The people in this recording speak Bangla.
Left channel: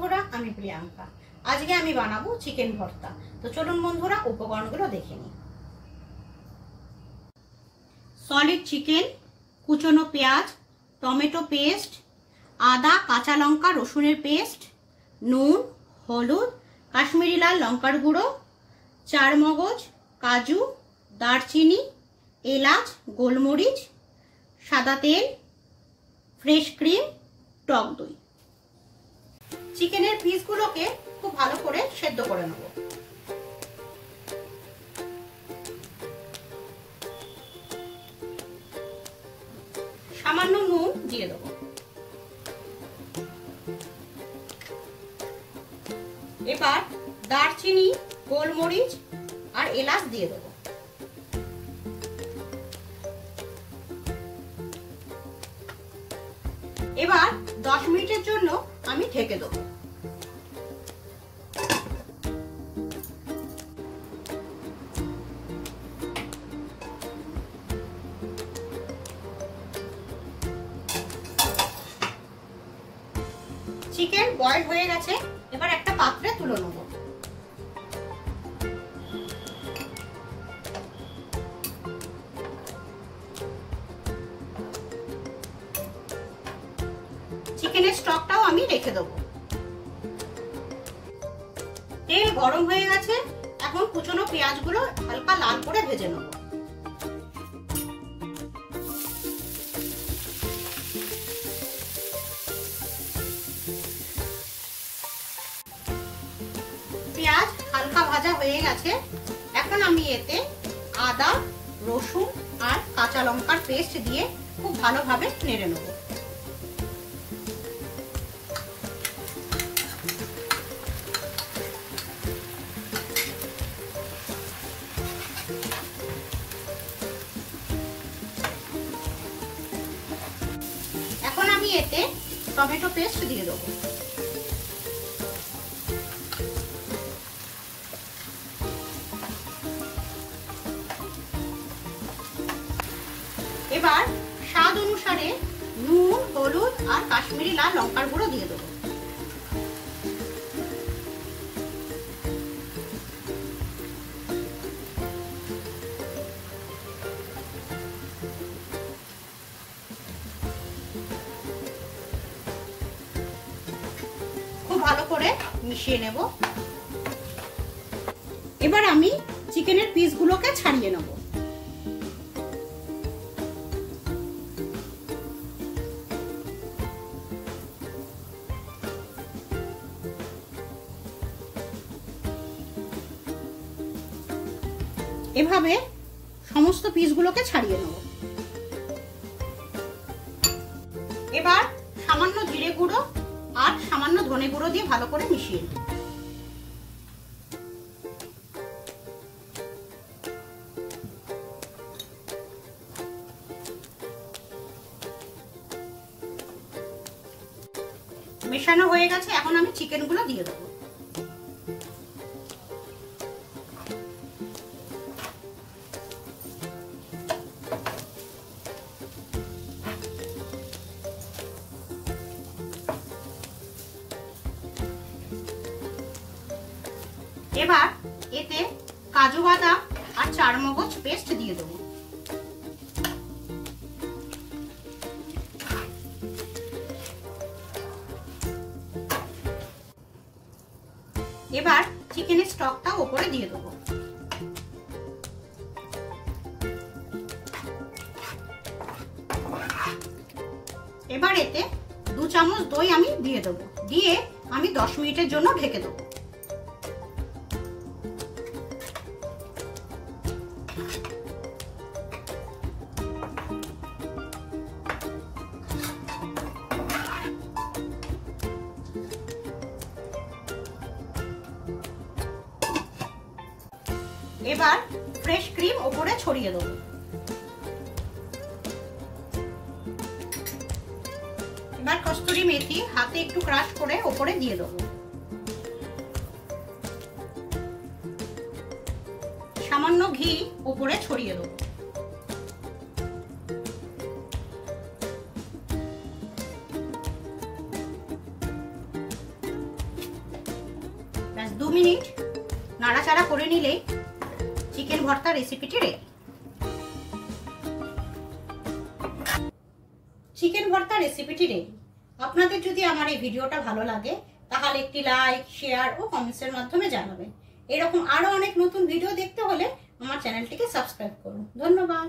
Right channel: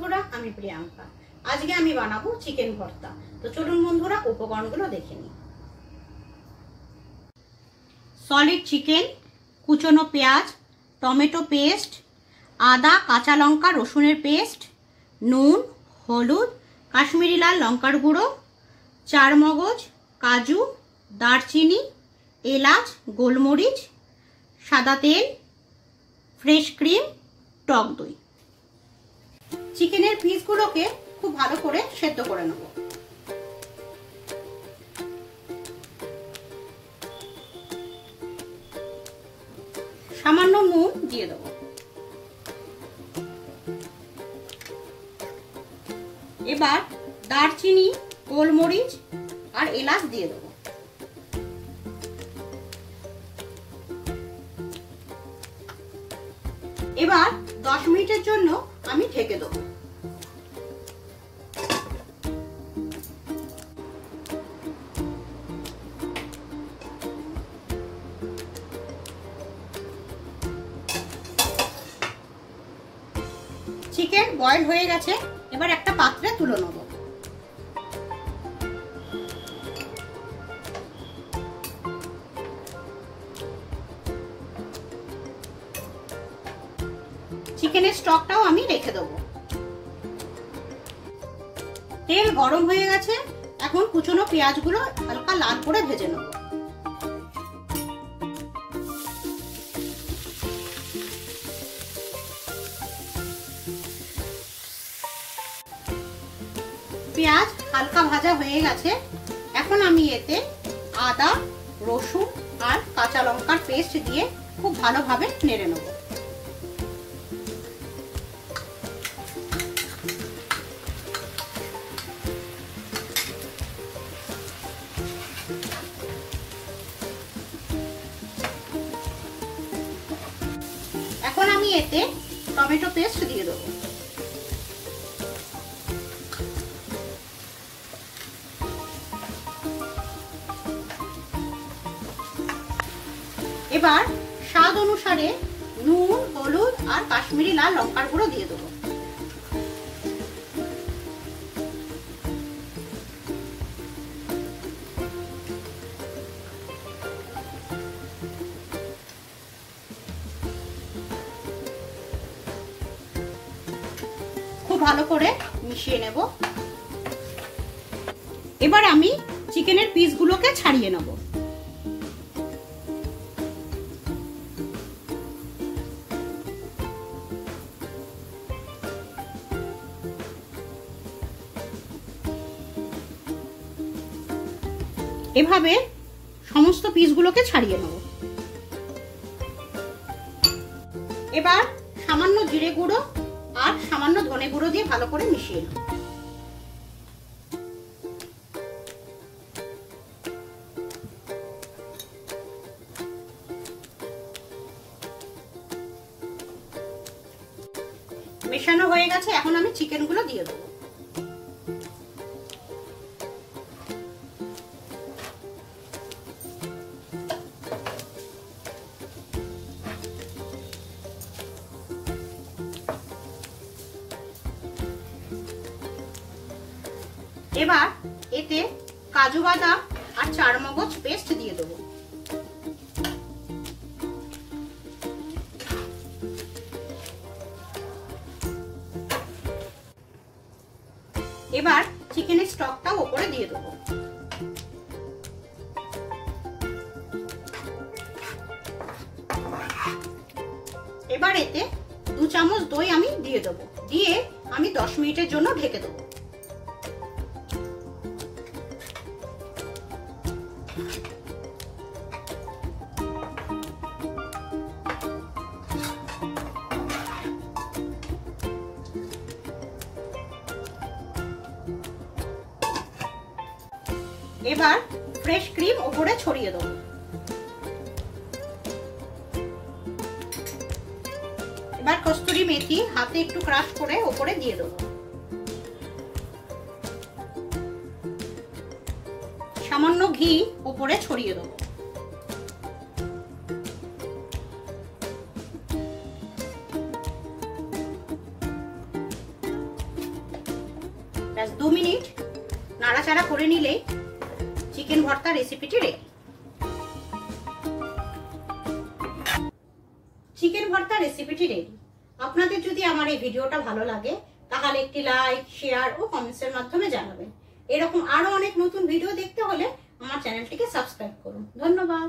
বন্ধুরা, আমি প্রিয়াঙ্কা। আজকে আমি বানাবো চিকেন ভর্তা। তো চলুন বন্ধুরা, উপকরণগুলো দেখে নিই। সলিড চিকেন, কুচনো পেঁয়াজ, টমেটো পেস্ট, আদা, কাঁচা লঙ্কা, রসুনের পেস্ট, নুন, হলুদ, কাশ্মীরি লাল লঙ্কার গুঁড়ো, চারমগজ, কাজু, দারচিনি, এলাচ, গোলমরিচ, সাদা তেল, ফ্রেশ ক্রিম, টক দই। চিকেনের পিসগুলোকে খুব ভালো করে সেদ্ধ করে নেব। সামান্য নুন দিয়ে দেব। এবার দারচিনি, গোলমরিচ আর এলাচ দিয়ে দেব। এবার 10 মিনিটের জন্য আমি ঢেকে দেব। চিকেন বয়েল হয়ে গেছে, এবার একটা পাত্রে তুলে নেব। চিকেনের স্টকটাও আমি রেখে দেবো। তেল গরম হয়ে গেছে, এখন কুচনো পেঁয়াজগুলো হালকা লাল করে ভেজে নেব। পেঁয়াজ হালকা ভাজা হয়ে গেছে, এখন আমি এতে আদা, রসুন আর কাঁচা লঙ্কার পেস্ট দিয়ে খুব ভালোভাবে নেড়ে নেব। এখন আমি এতে টমেটো পেস্ট দিয়ে দেবো। এবার স্বাদ অনুসারে নুন, হলুদ আর কাশ্মীরি লাল লঙ্কার গুঁড়ো দিয়ে দেবো। খুব ভালো করে মিশিয়ে নেব। এবার আমি চিকেনের পিসগুলোকে ছাড়িয়ে নেব। এভাবে সমস্ত পিসগুলোকে ছাড়িয়ে নেব। এবার সামান্য জিরে গুঁড়ো আর সামান্য ধনে গুঁড়ো দিয়ে ভালো করে মিশিয়ে নেব। মেশানো হয়ে গেছে, এখন আমি চিকেনগুলো দিয়ে দেবো। এবার এতে কাজু বাদাম আর চারমগজ পেস্ট দিয়ে দেবো। এবার চিকেনের স্টকটা উপরে দিয়ে দেবো। এবার এতে 2 চামচ দই আমি দিয়ে দেবো। দিয়ে আমি 10 মিনিটের জন্য ঢেকে দেবো। এবার ফ্রেশ ক্রিম উপরে ছড়িয়ে দেবো। এবার কস্তুরি মেথি হাতে একটু ক্রাশ করে উপরে দিয়ে দেবো। সামান্য ঘি উপরে ছড়িয়ে দেবো। 2 মিনিট নাড়াচাড়া করে নিলে চিকেন ভর্তা রেসিপিটি রেডি। চিকেন ভর্তা রেসিপিটি রেডি। আপনাদের যদি আমার এই ভিডিওটা ভালো লাগে তাহলে একটি লাইক, শেয়ার ও কমেন্টসের মাধ্যমে জানাবেন। এরকম আরো অনেক নতুন ভিডিও দেখতে হলে আমার চ্যানেলটিকে সাবস্ক্রাইব করুন। ধন্যবাদ।